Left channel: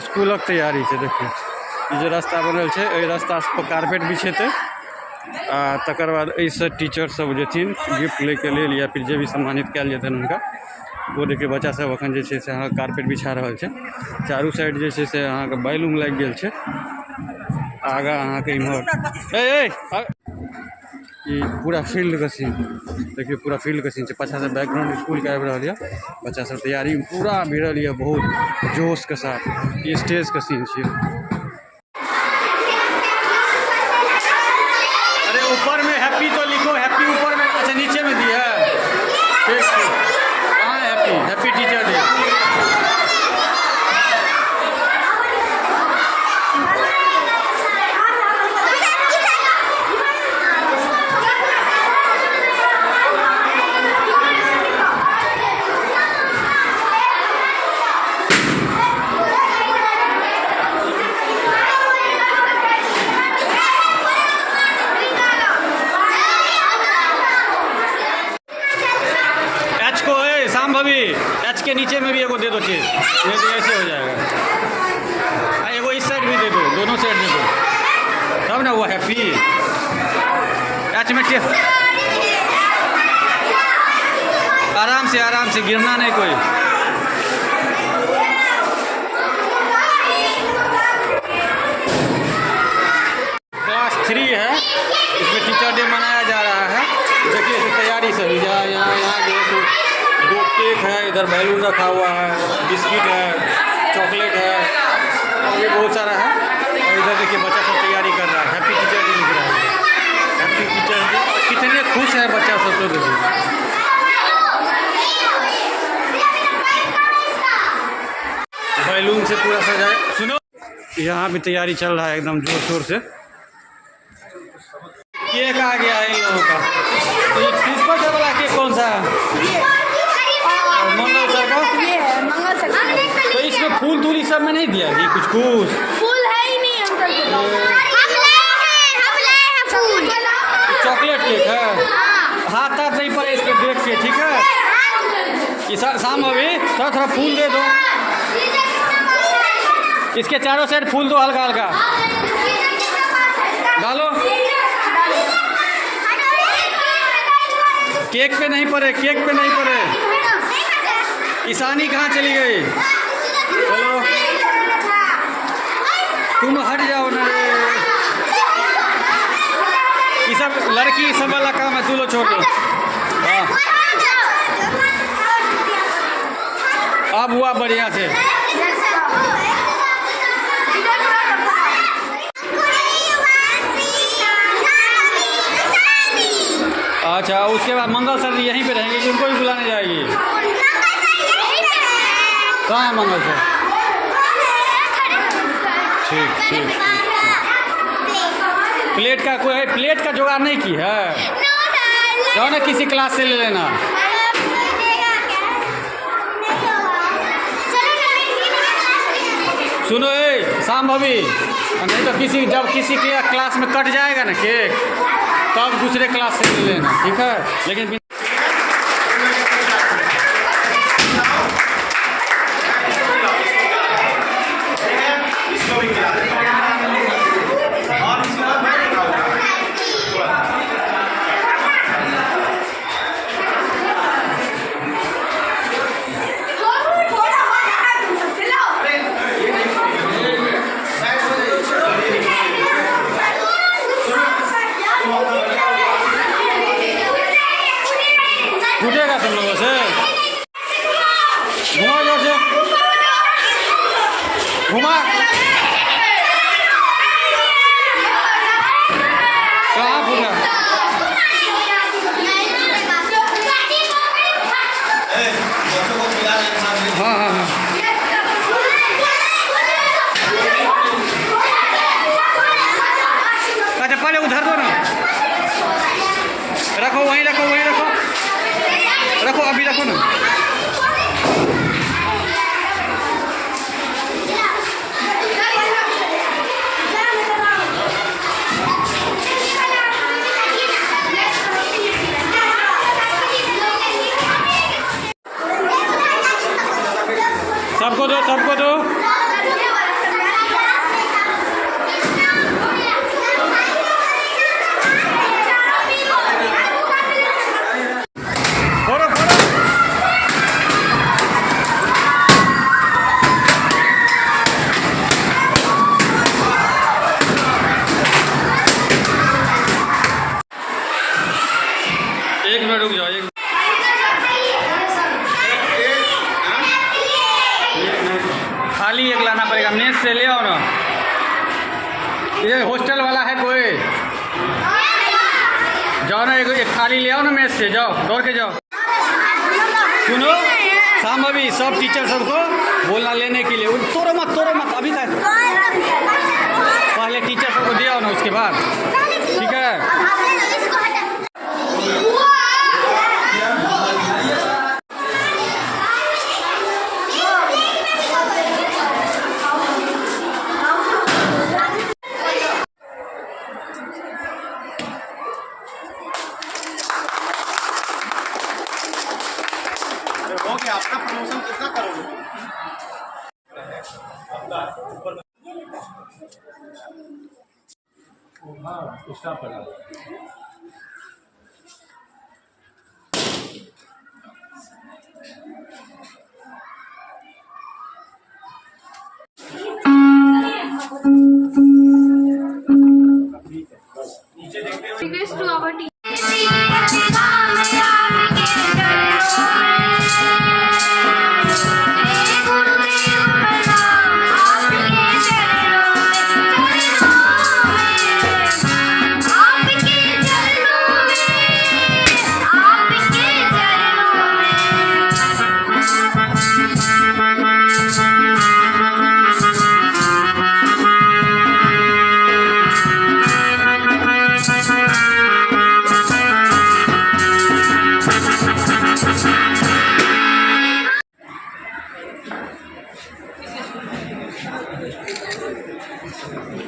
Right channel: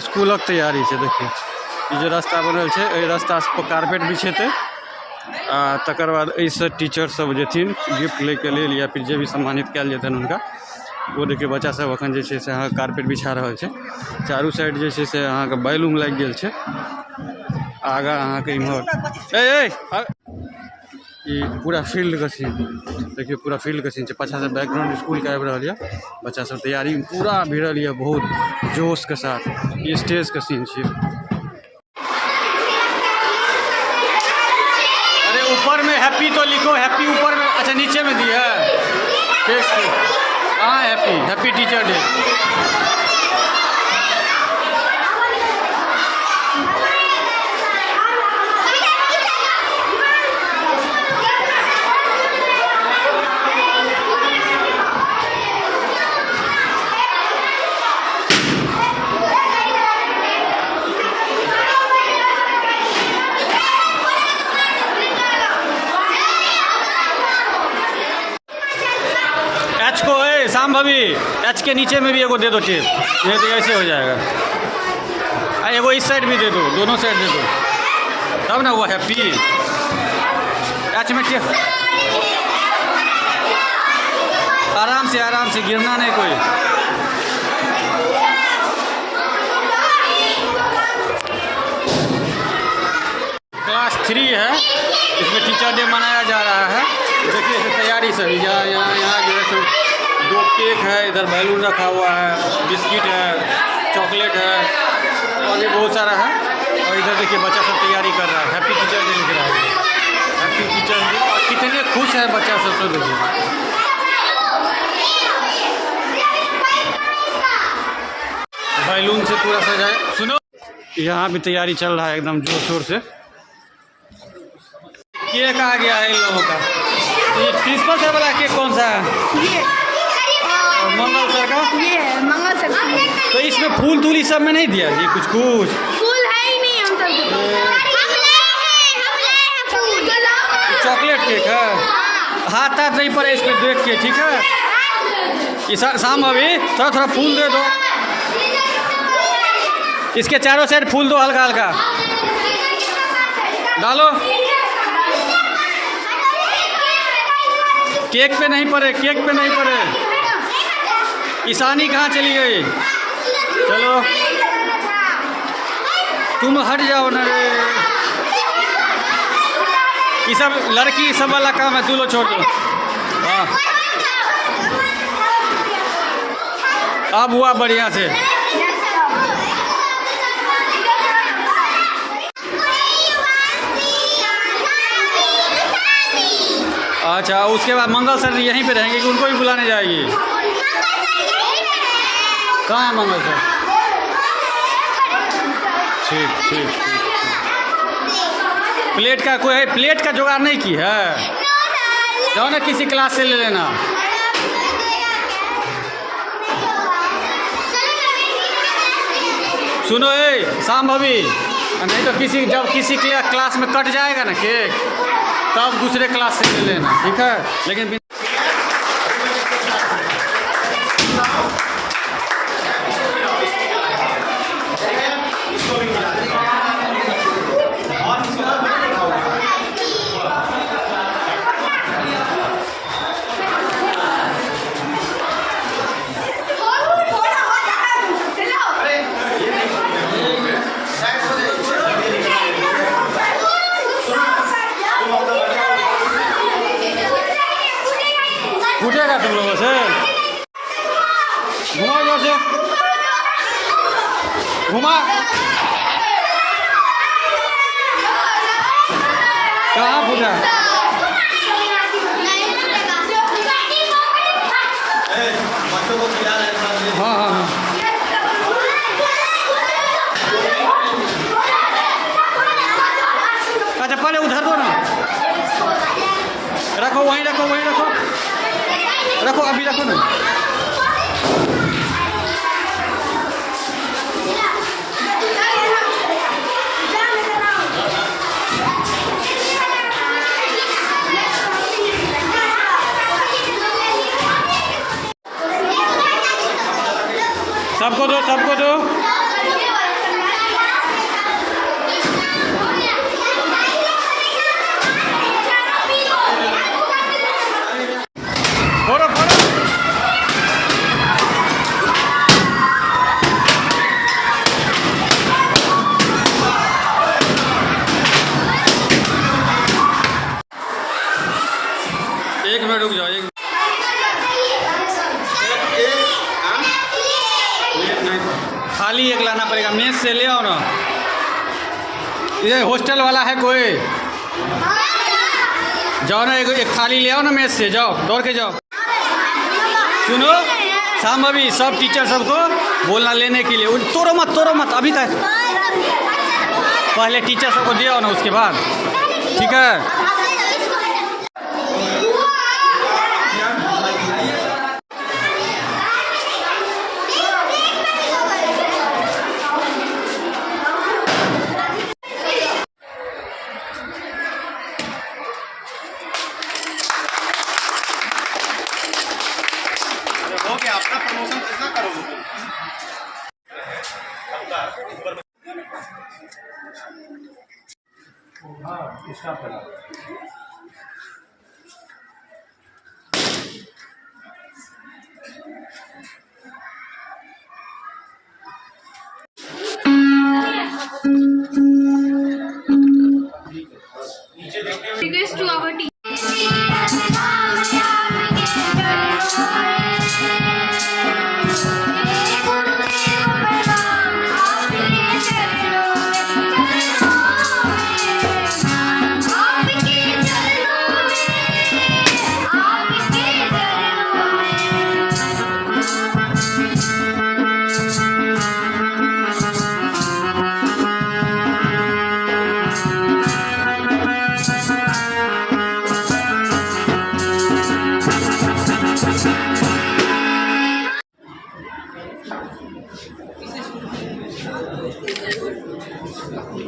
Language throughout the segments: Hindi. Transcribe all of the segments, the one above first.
स्कूलक तैयारी छै। देखिए ये जो रास्ता बनल छै, एहि रास्ता पर कारपेट बिछेतै आ तकर बाद एहिसँ टीचर सब जेथिन गिफ्ट लैके लेल या फिर जे भी सम्मानित कयल जेतनि हुनका। वो देखिए बच्चा सब अखन जे छै से अहाँ कारपेट बिछा रहल छै। चारू साइड जे छै से अहाँके बैलून लागि गेल छै। आगा अहाँके इम्हर ये पूरा फील्ड का सीन देखिए, पूरा फील्ड का सीन है। पाछा से बैकग्राउंड स्कूल के आबि रहल है। बच्चा सब तैयारी में पूरा भिड़ल है बहुत जोश के साथ। ये स्टेज का सीन है। अरे ऊपर में हैप्पी तो लिखो, हैप्पी ऊपर में, अच्छा नीचे में दिया है। ठीक हाँ, हैप्पी हैप्पी टीचर डे। को शाम भाभी एच के नीचे में भी एगो दे दो चीज, नहीं तो ऐसे हो जाएगा। एगो इस साइड भी दे दो, दोनों साइड दे दो, तब ना वो हैप्पी एच में टेप। आराम से गिरना नहीं कोई। क्लास 3 है, इसमें टीचर डे मनाया जा रहा है। देखिए इसे तैयारी सभी यहाँ जो है 2 केक है, इधर बैलून रखा हुआ है, बिस्किट है, चॉकलेट है और भी बहुत सारा है। और इधर देखिए बच्चा सब तैयारी कर रहा है, हैप्पी टीचर डे लिख रहा है, हैप्पी टीचर डे। और कितने खुश है बच्चा सब, तो देखिए बैलून से पूरा सजाया। सुनो यहाँ भी तैयारी चल रहा है एकदम जोर शोर से। केक आ गया है इन लोगों का। ये प्रिंसिपल सर वाला केक कौन सा है? मंगल सर का। ये मंगल सर। तो इसमें फूल तूल सब में नहीं दिया ये कुछ फूल है ही नहीं। चॉकलेट केक है, हाथ हाथ नहीं पड़े इस पर देख के, ठीक है। शाम अभी थोड़ा फूल दे दो, इसके चारों साइड फूल दो, हल्का हल्का डालो। केक पे नहीं पड़े, केक पे नहीं पड़े। ईशानी कहाँ चली गई? चलो तुम हट जाओ ना रे। ये सब लड़की सब वाला काम है, तू लो छोड़ दो। हाँ अब हुआ बढ़िया से। अच्छा उसके बाद मंगल सर यहीं पे रहेंगे कि उनको भी बुलाने जाएगी? कहाँ है मंगल सर? ठीक। प्लेट का कोई प्लेट का जुगाड़ नहीं की है? जाओ ना किसी क्लास से ले लेना। सुनो शाम भाभी, नहीं तो जब किसी क्लास में कट जाएगा ना केक, तब दूसरे क्लास से ले लेना, ठीक है। लेकिन फूटेगा तुम लोगों से। घुमा जोर से, घुमा। कहाँ फूटा? हाँ। अच्छा पहले उधर दो ना, रखो वहीं रखो, अभी रखो ना। सबको दो। लाना पड़ेगा, मेस से ले आओ ना। ये हॉस्टल वाला है कोई? जाओ ना, एक थाली ले आओ ना मेस से, जाओ दौड़ के जाओ। सुनो शाम अभी सब टीचर सबको बोलना लेने के लिए, तोड़ो मत अभी तक, पहले टीचर सबको दे आओ ना, उसके बाद ठीक है। हो गया अपना प्रमोशन कितना करोगे? Request to our team.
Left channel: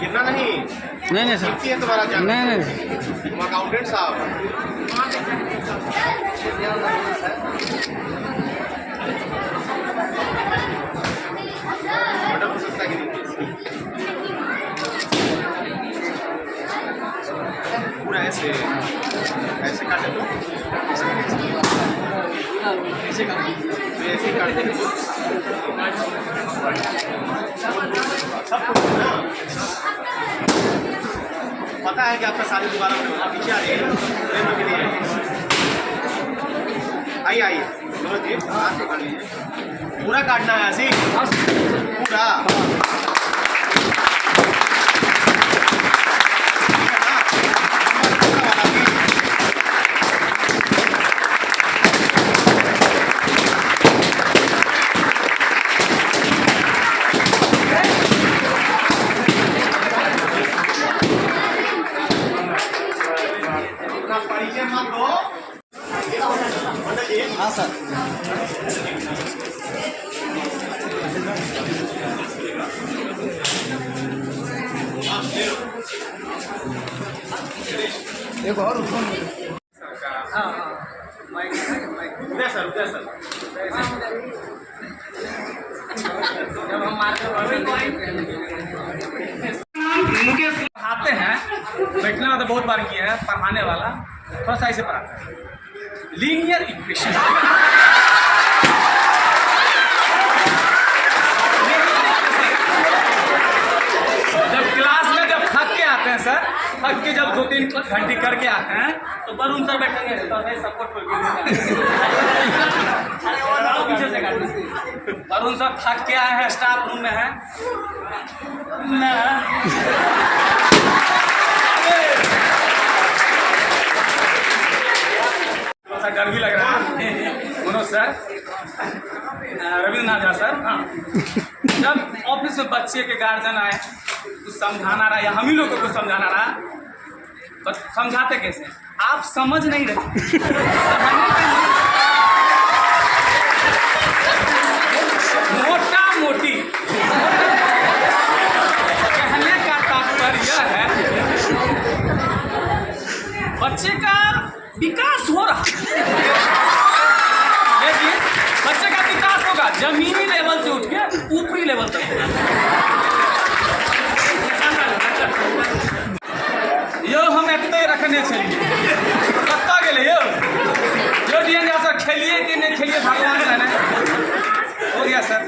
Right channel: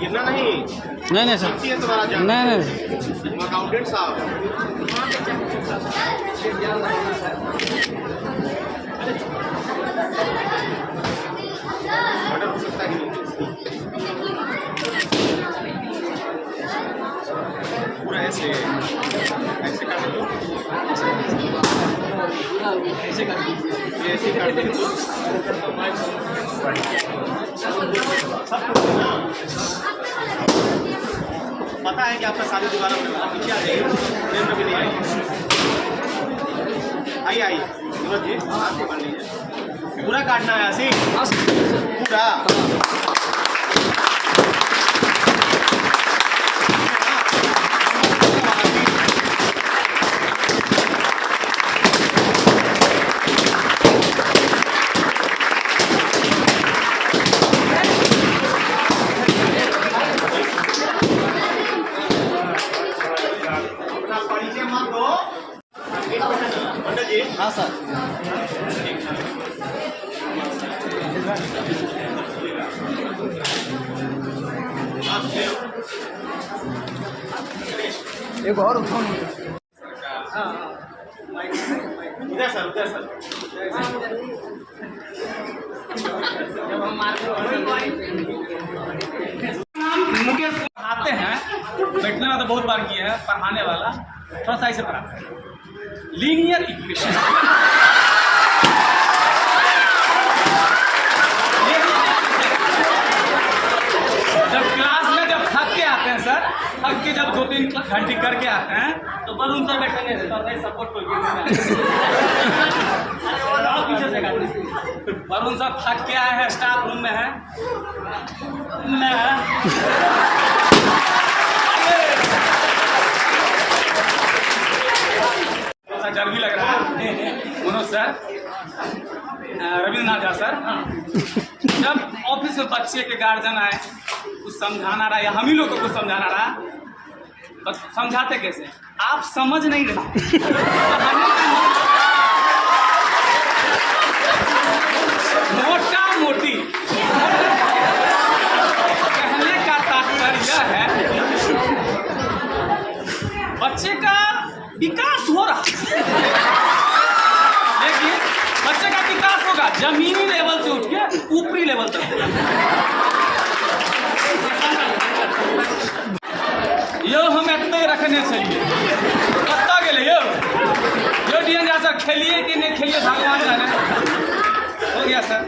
गिरना नहीं सर, है तुम्हारा जान। नहीं अकाउंटेंट साहब मर्डर हो सकता है कि नहीं? पूरा ऐसे काटे तो ऐसे काटते तो सब कुछ ना पता है कि आपका शादी दोबारा होने वाला। पीछे आ जाइए, प्रेम के लिए आइए सूरज जी, हाथ पकड़ लीजिए। पूरा काटना है ऐसे पूरा। परिचय मत दो। हाँ सर, एक और सर मुकेश पढ़ाते हैं, बैठने वाला तो बहुत बार किया है, पढ़ाने वाला थोड़ा सा ऐसे पढ़ाता है। लीनियर इक्वेशन जब क्लास में जब थक के आते हैं सर, थक के जब 2-3 घंटे करके आते हैं तो वरुण सर बैठेंगे तो सपोर्ट पीछे से काटते। वरुण सर थक के आए हैं, स्टाफ रूम में है थोड़ा सा डर भी लग रहा है। मनोज सर, रविंद्रनाथ झा सर, जब ऑफिस में बच्चे के गार्जियन आए, कुछ समझाना रहा या हम ही लोग को कुछ समझाना रहा, तो समझाते कैसे? आप समझ नहीं रहे। मोटा मोटी कहने का तात्पर्य है बच्चे का विकास हो रहा, लेकिन बच्चे का विकास होगा जमीनी लेवल से उठ के ऊपरी लेवल तक होगा। यो हम इतने रखने चाहिए कत्ता के लिए यो डियन जैसा खेलिए कि नहीं खेलिए भगवान जाने। हो गया सर।